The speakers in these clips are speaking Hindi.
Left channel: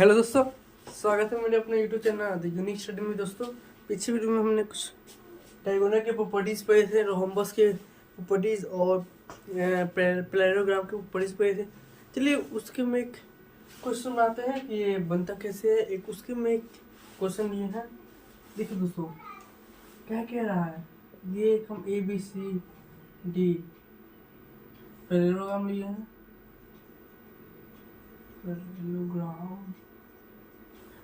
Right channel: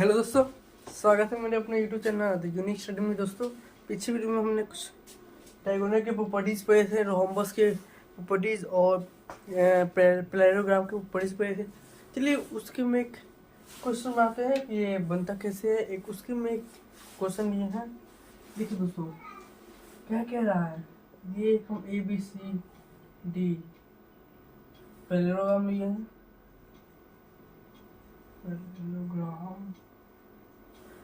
हेलो दोस्तों, स्वागत है मेरे अपने YouTube channel the unique study में। दोस्तों, पिछले वीडियो में हमने कुछ डायगोनल के प्रॉपर्टीज पढ़े थे, रोम्बस के प्रॉपर्टीज और पैरेललोग्राम के प्रॉपर्टीज पढ़े थे। चलिए उसके में एक क्वेश्चन आते हैं कि ये बनता कैसे है। एक उसके में एक क्वेश्चन ये है, देखिए दोस्तों क्या कह रहा है। ये हम A B C D parallelogram लिए हैं,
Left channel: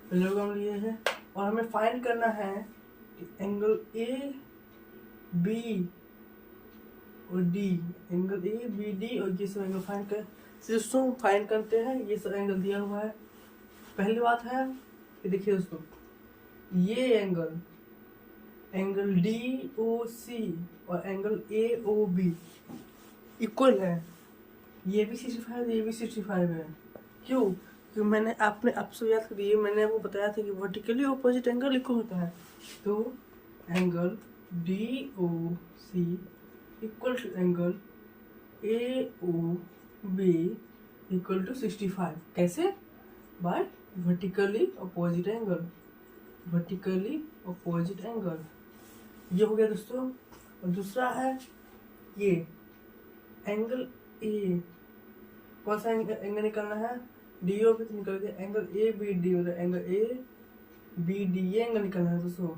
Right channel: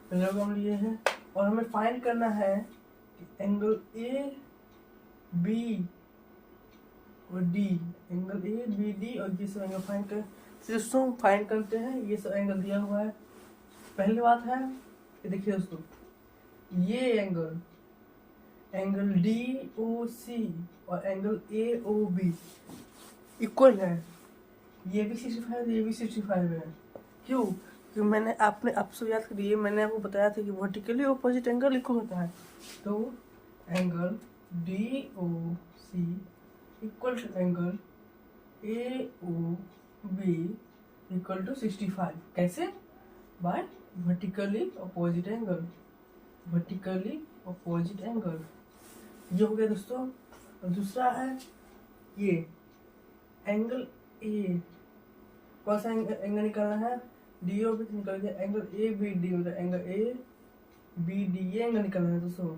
पैरेललोग्राम लिए हैं और हमें फाइंड करना है कि एंगल ए बी और D, angle A B D और ये सब एंगल फाइंड कर दोस्तों फाइंड करते हैं। ये सब एंगल दिया हुआ है। पहली बात है कि देखिए दोस्तों, ये एंगल डी ओ सी और angle A O B equal है। ये भी 65 है, ये भी 65 है। क्यों? क्योंकि मैंने आपसे याद करिए, मैंने आपको बताया था कि वर्टिकली ऑपोजिट एंगल इक्वल होता है। तो angle D O C equal to angle A O B equal to 65। कैसे? By vertically opposite angle. Vertically opposite angle ये हो गया दोस्तों। और दूसरा है ये एंगल ए, कौन सा एंगल निकालना है? डी ओ बी तो निकल गया। एंगल ए बी डी मतलब एंगल ए बी डी, ये एंगल निकालना है दोस्तों।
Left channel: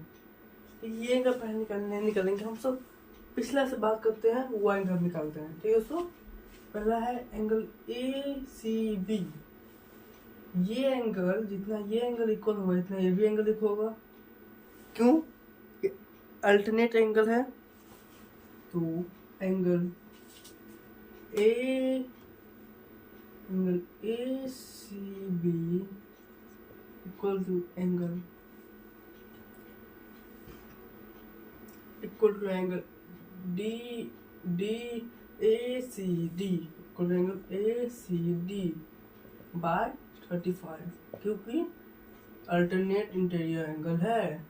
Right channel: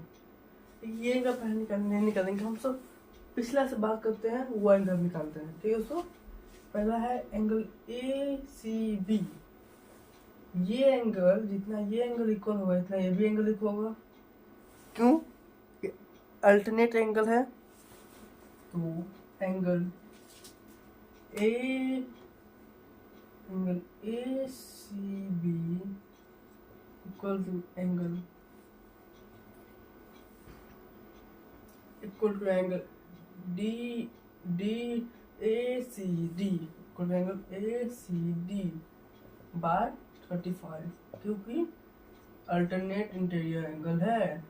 ये एंगल पहले नहीं निकालेंगे, हम सब पिछला से बात करते हैं, वो एंगल निकालते हैं। ठीक है दोस्तों, पहला है एंगल ए सी बी। ये एंगल जितना ये एंगल इक्वल होगा इतना ये भी एंगल इक्वल होगा। क्यों? अल्टरनेट एंगल है। तो angle A C B equal to angle D A C D equal to angle A C D by 35, क्योंकि अल्टरनेट इंटीरियर एंगल है।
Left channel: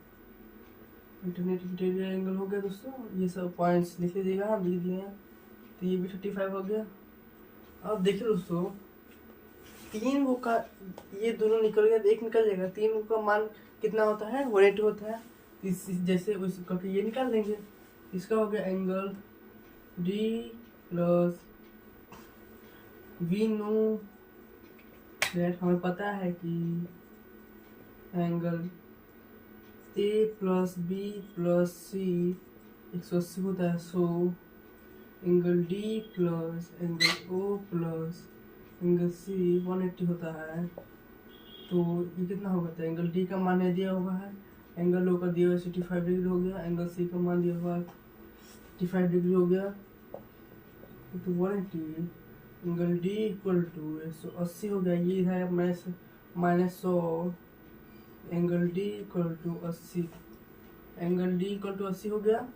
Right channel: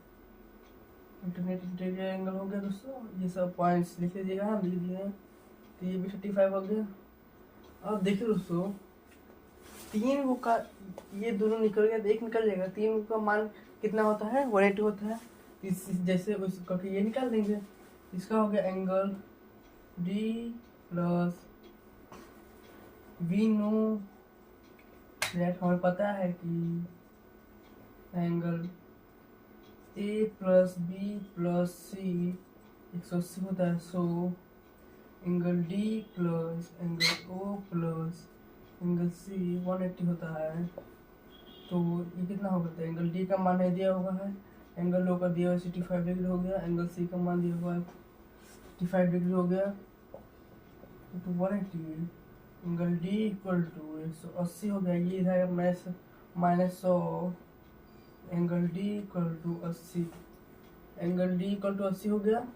अल्टरनेट इंटीरियर एंगल हो गया दोस्तों। ये सब पॉइंट्स लिख लीजिएगा, हम लिख दिए हैं। तो ये भी 35 हो गया। अब देखिए दोस्तों, तीन गो का ये दोनों निकल गया, एक निकल जाएगा। तीन गो का मान कितना होता है? 180 होता है। जैसे उस करके ये निकाल देंगे। इसका हो गया angle D plus we know that, हमें पता है कि angle A plus B plus C 180 होता है। So angle D plus angle O plus angle C 180 होता है। तो ये कितना होगा? तो एंगल डी का मान है दिया हुआ है, एंगल ओ का दिया हुआ 65 डिग्री हो गया, एंगल सी का मान दिया हुआ 55 डिग्री हो गया। तो 180 एंगल डी इक्वल टू 180 हो गया। ये है -100 angle D equal to 80। Angle D equal to 80 हो गया।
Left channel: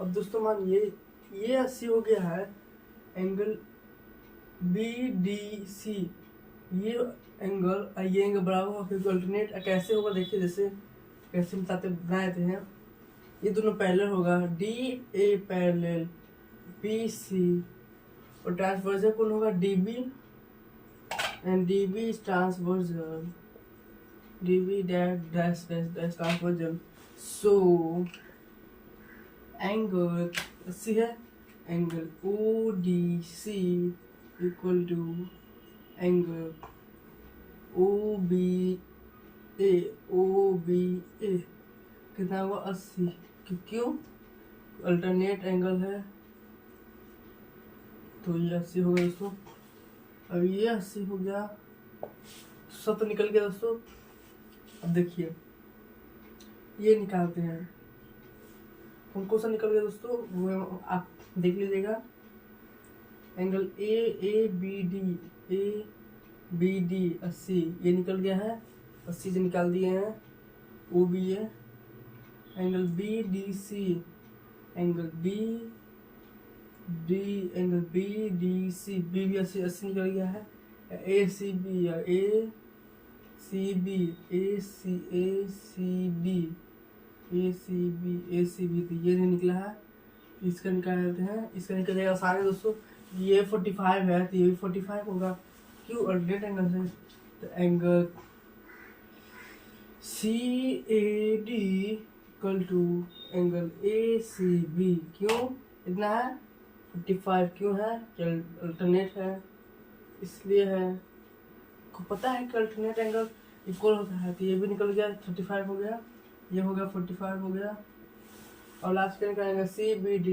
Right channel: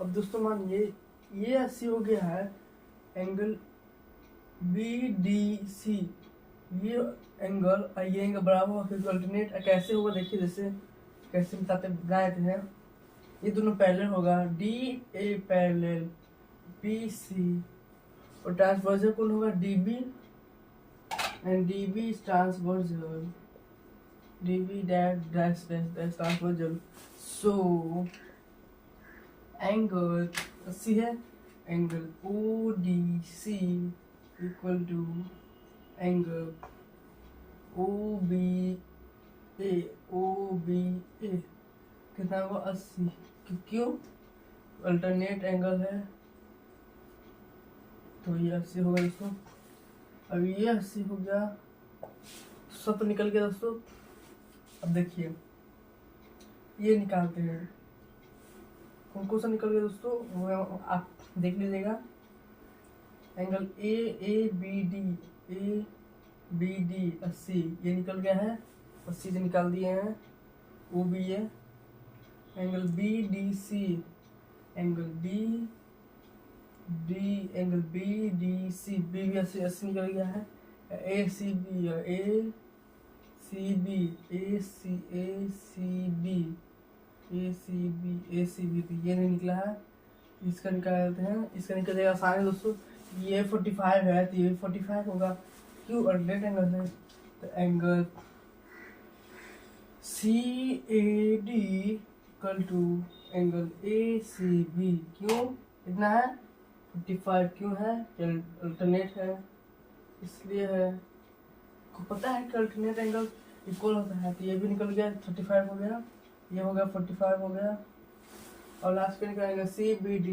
अब दोस्तों मान ये 80 हो गया है। एंगल बी डी सी ये एंगल बराबर होगा, क्योंकि अल्टरनेट कैसे होगा देखिए, जैसे कैसे बताते बनाए थे हैं। ये दोनों पैरेलल होगा, D A parallel B C, और ट्रांसवर्जल कौन होगा? D B and D B transversal, D B dash transversal. So angle 80 है। Angle O D C equal to angle O B A कितना हुआ? 80। क्यों? अल्टरनेट एंगल है, तो ये 80 हो गया दोस्तों। अब ये 80 हो गया, सब तो निकल गया दोस्तों। अब देखिए ये निकालते हैं, कौन सा निकल गया दोस्तों, वो आप देख लीजिएगा। एंगल ए बी डी 80 ये निकल गया है, 80 से निकाल दिए हैं। ओ बी है। Angle B D C, angle B D C, B भी 80 निकल गया है। ए सी बी तो ये नहीं निकला है। इसका निकालते हैं, इसका निकल जाएगा आसान है दोस्तों। ये 45 है तो ये भी 45 होगा। क्यों? अल्टरनेट एंगल है। तो angle CAD equal to angle ACB। क्यों इतना है 45? क्यों है? अल्टरनेट है इसलिए है। को पता है कि अल्टरनेट एंगल इक्वल होता है, तो ये भी निकल गया 35 हो गया, ये हो गया 45 हो गया। और लास्ट में निकलेगा CBD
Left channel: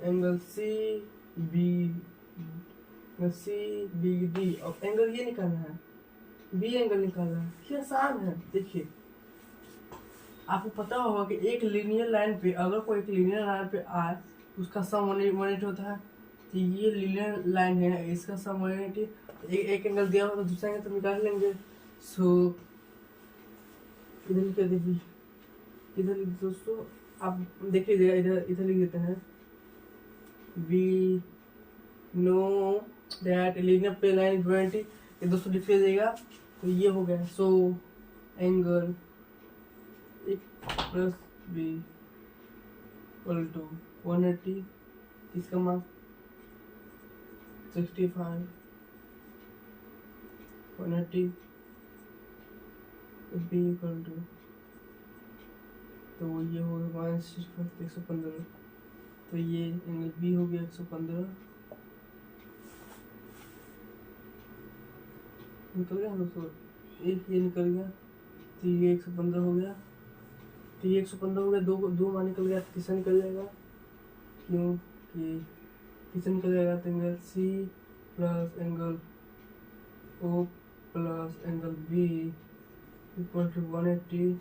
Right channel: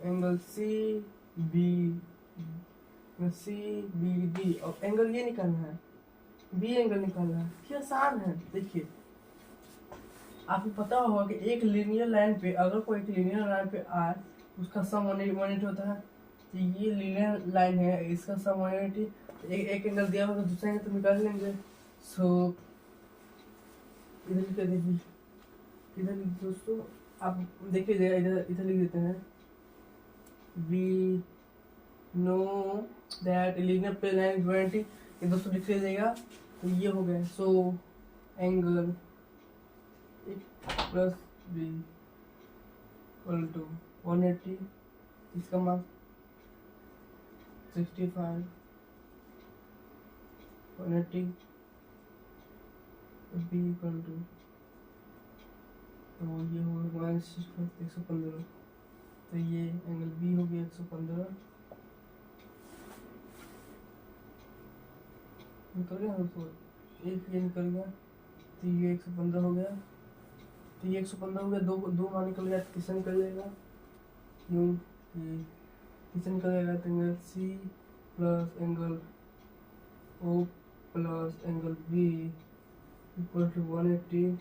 एंगल CBD और एंगल ये निकालना है, बी एंगल निकालना है। ये आसान है। देखिए आपको पता होगा कि एक लीनियर लाइन पे अगर कोई एक लीनियर लाइन पे आए उसका सम 180 होता है। तो ये लीनियर लाइन है, इसका सम 180। एक एंगल दिया होगा तो दूसरा एंगल तो निकाल लेंगे। सो इधर लिख दीजिए, इधर लिख दोस्तों आप देखिए इधर इधर लिख देते हैं। We know that linear plane line 180, ये दोस्तों लिख लीजिएगा। तो ये हो गया। So angle plus B equal to 180, इसका मान 65, 180 बी इक्वल टू, तो ये हो गया 115। तो ये एंगल बी हो गया 115, निकल गया दोस्तों, एक ये निकल गया। तो ये 115 हो गया, तो ये 115 हो गया। दो मान निकल गया, तीसरा निकल जाएगा। क्योंकि तीसरा निकल जाएगा तो angle C plus angle O plus angle B equal to 180।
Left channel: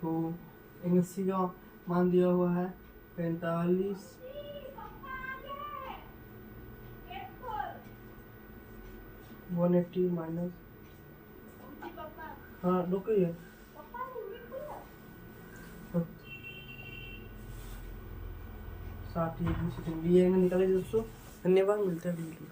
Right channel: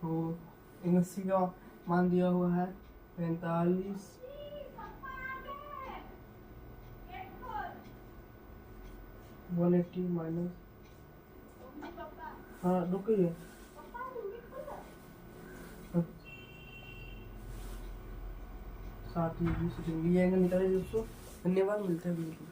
तो एंगल सी का मान दिया हुआ है 45, 180 माइनस, हाँ रुकिए, 60 ये एंगल निकाले दोस्तों। धन्यवाद, मिलते हैं वीडियो।